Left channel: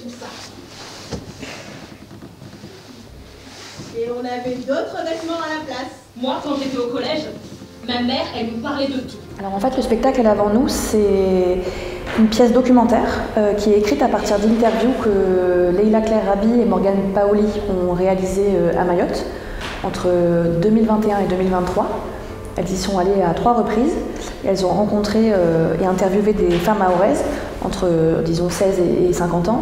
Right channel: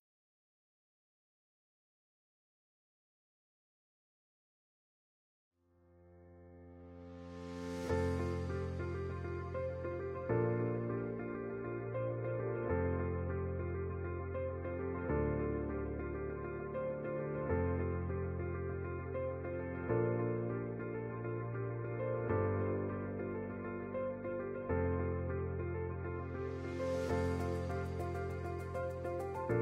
Et on avait d'autres vêtements à la place. Moi, quand j'étais au collège, ma mère, elle me parlait de tout. Alors en fait, le spectacle Elle avant nous, c'est une pièce documentaire qui est écrite à partir d'interviews que Leila Claire Rabi et Morgane Paoli ont réalisées à Mayotte entre 2021 et 2023. Elles y sont allées à 3 reprises et elles ont rencontré et interviewé des femmes mahoraises entre, disons, 16 et 50 ans.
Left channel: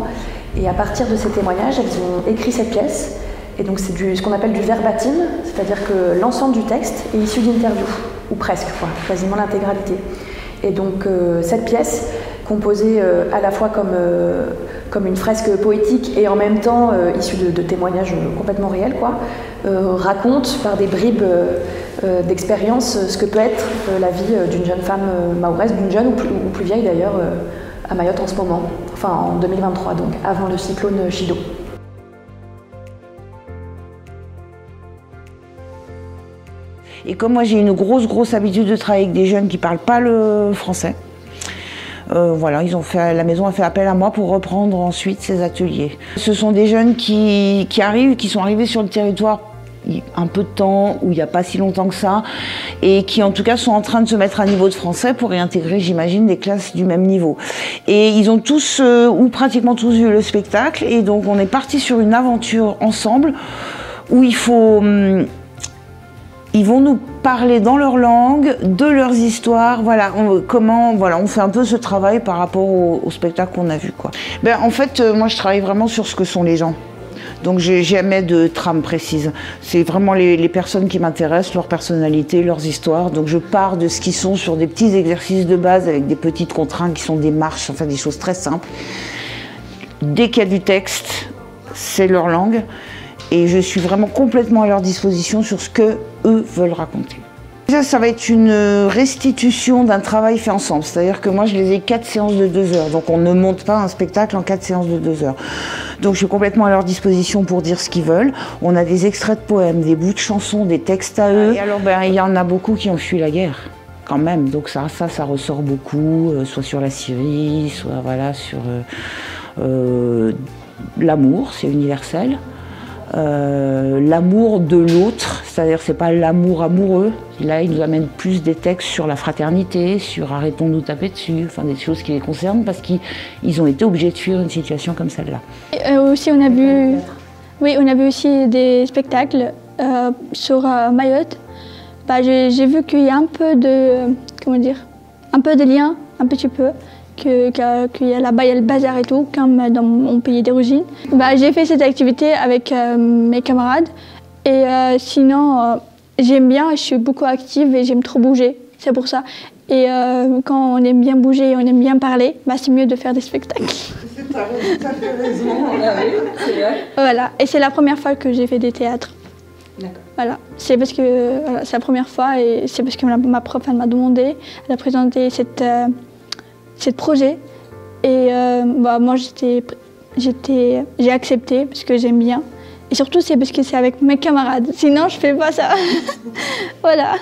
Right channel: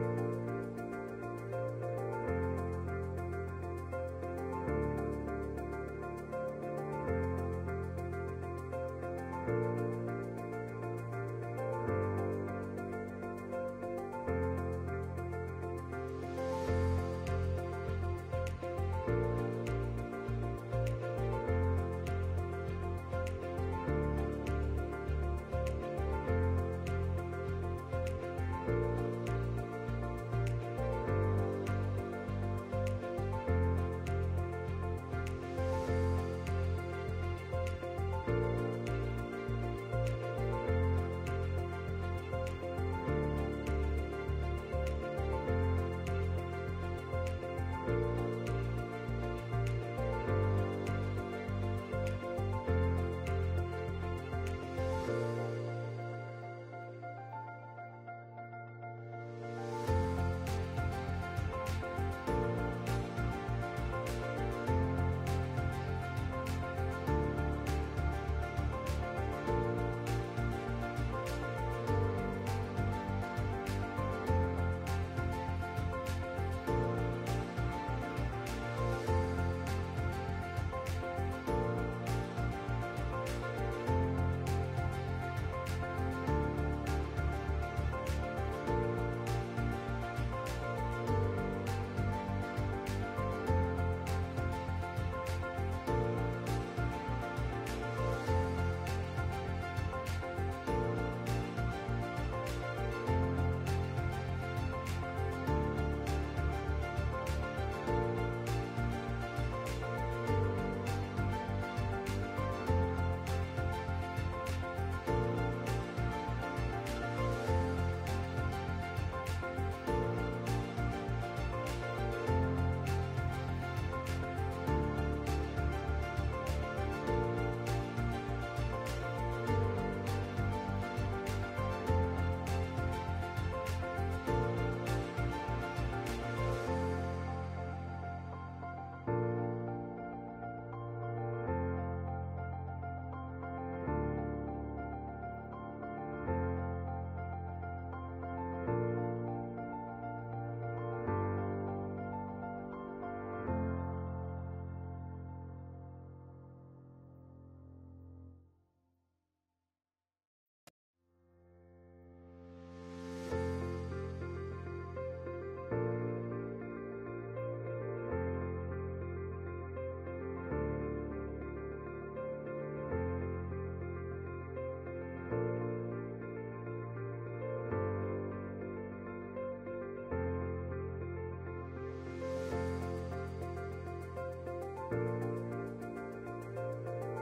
Et à partir de ces témoignages, elles ont écrit cette pièce. Et donc c'est ce qu'on appelle du verbatim, c'est-à-dire que l'ensemble du texte est issu d'interviews, ou presque, quoi, quasiment l'intégralité. Et donc cette pièce, composée à la fois comme une fresque poétique et en même temps issue de témoignages complètement réels, quoi, raconte par des bribes d'expérience ce que peut être la vie d'une jeune femme mahoraise, d'une jeune ou plus vieille d'ailleurs, à Mayotte en ce moment, enfin en 2023, donc avant le cyclone Chido. Et comme moi j'ai une grosse habitude de travailler avec des jeunes qui ne parlent pas le français, voilà, la maison a fait appel à moi pour reprendre ensuite ces ateliers. Ce sont des jeunes qui sont arrivés sur le territoire un peu de temps, ou il n'y a pas si longtemps que ça, et qui en tout cas sont en train de se mettre à niveau de français pour réintégrer, j'imagine, des classes du même niveau. Et ils ont tous, ou pratiquement tous, vu le spectacle, et donc on est parti sur une aventure ensemble où ils vont nous parler dans leur langue, de leurs histoires, voilà, on fait un peu ce travail par rapport au spectacle qu'on a vu, quoi. En fait, moi je travaille vraiment sur ce que sont les gens. Donc j'ai jamais de trame précise. C'est vraiment les personnes qui m'intéressent, leur personnalité, leurs histoires. Donc je pars de ce qu'ils sont sur des petits exercices de base avec des petites contraintes qui sont des marches, enfin des choses très simples. Dès qu'il y a du texte, c'est leur langue. Et je suis vraiment complètement à leur disposition sur ce qu'eux veulent raconter. Ça va être une restitution d'un travail fait ensemble. C'est-à-dire que moi, je les ai 4 séances de 2 heures. Donc on ne monte pas un spectacle en 4 séances de 2 heures. Donc je suis complètement à leur disposition pour dire ce qu'ils veulent. On a des extraits de poèmes, des bouts de chansons, des textes à eux. Et alors, il y en a beaucoup qui ont fui la guerre, quand même. Donc ça ressort beaucoup, soit sur la Syrie, soit voilà, sur l'amour, c'est universel. L'amour de l'autre, c'est-à-dire c'est pas l'amour amoureux. Là, ils nous amènent plus des textes sur la fraternité, sur arrêtons de nous taper dessus, enfin des choses qui les concernent parce qu'ils ont été obligés de fuir une situation comme celle-là. Aussi, on a vu aussi des spectacles sur Mayotte. J'ai vu qu'il y a un peu de, un peu de lien, un petit peu. Qu'il y a là-bas, il y a le bazar et tout, comme dans mon pays d'origine. J'ai fait cette activité avec mes camarades et sinon, j'aime bien, je suis beaucoup active et j'aime trop bouger, c'est pour ça. Et quand on aime bien bouger et on aime bien parler, c'est mieux de faire des spectacles. T'as tout à fait raison, c'est vrai. Voilà, et c'est la première fois que j'ai fait des théâtres. Voilà, c'est parce que c'est la première fois et c'est parce que ma prof m'a demandé, elle a présenté ce projet et moi j'ai accepté parce que j'aime bien et surtout c'est parce que c'est avec mes camarades, sinon je fais pas ça. Voilà.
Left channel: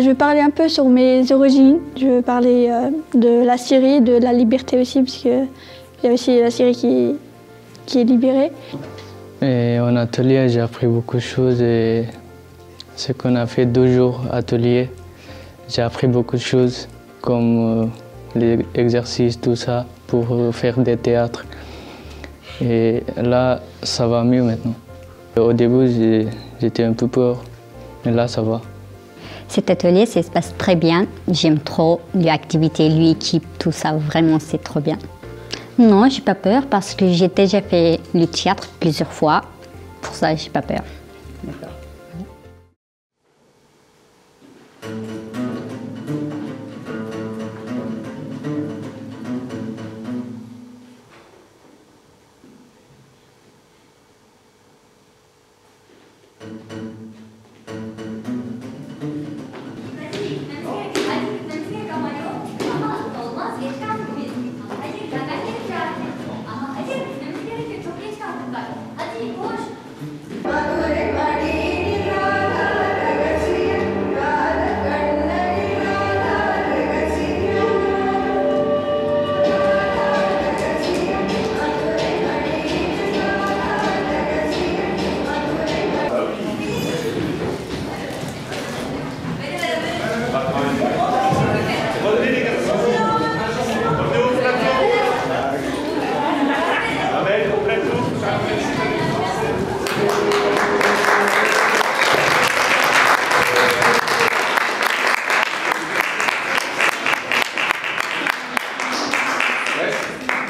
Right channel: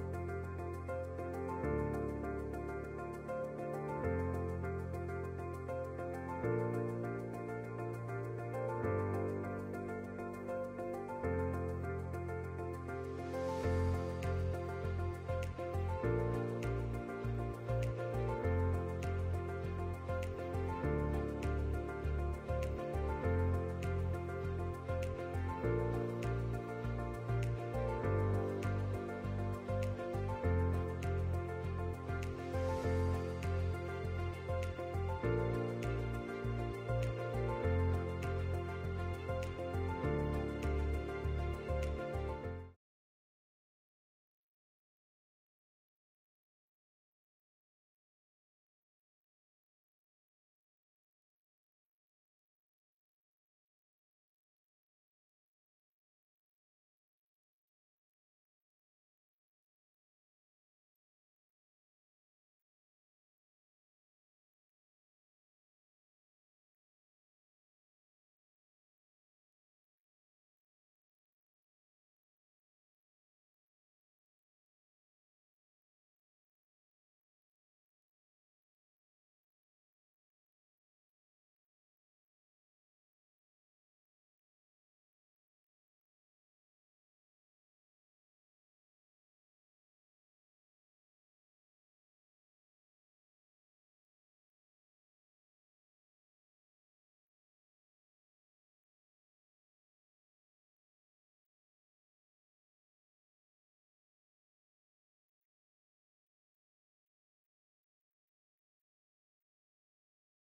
Je vais parler un peu sur mes origines, je vais parler de la Syrie, de la liberté aussi parce qu'il y a aussi la Syrie qui est libérée. Et en atelier j'ai appris beaucoup de choses et ce qu'on a fait 2 jours atelier, j'ai appris beaucoup de choses comme les exercices, tout ça, pour faire des théâtres. Et là, ça va mieux maintenant. Au début, j'étais un peu peur, mais là, ça va. Cet atelier, ça se passe très bien. J'aime trop l'activité, l'équipe, tout ça, vraiment, c'est trop bien. Non, j'ai pas peur parce que j'ai déjà fait le théâtre plusieurs fois. Pour ça, j'ai pas peur. Hadi koş. Merci.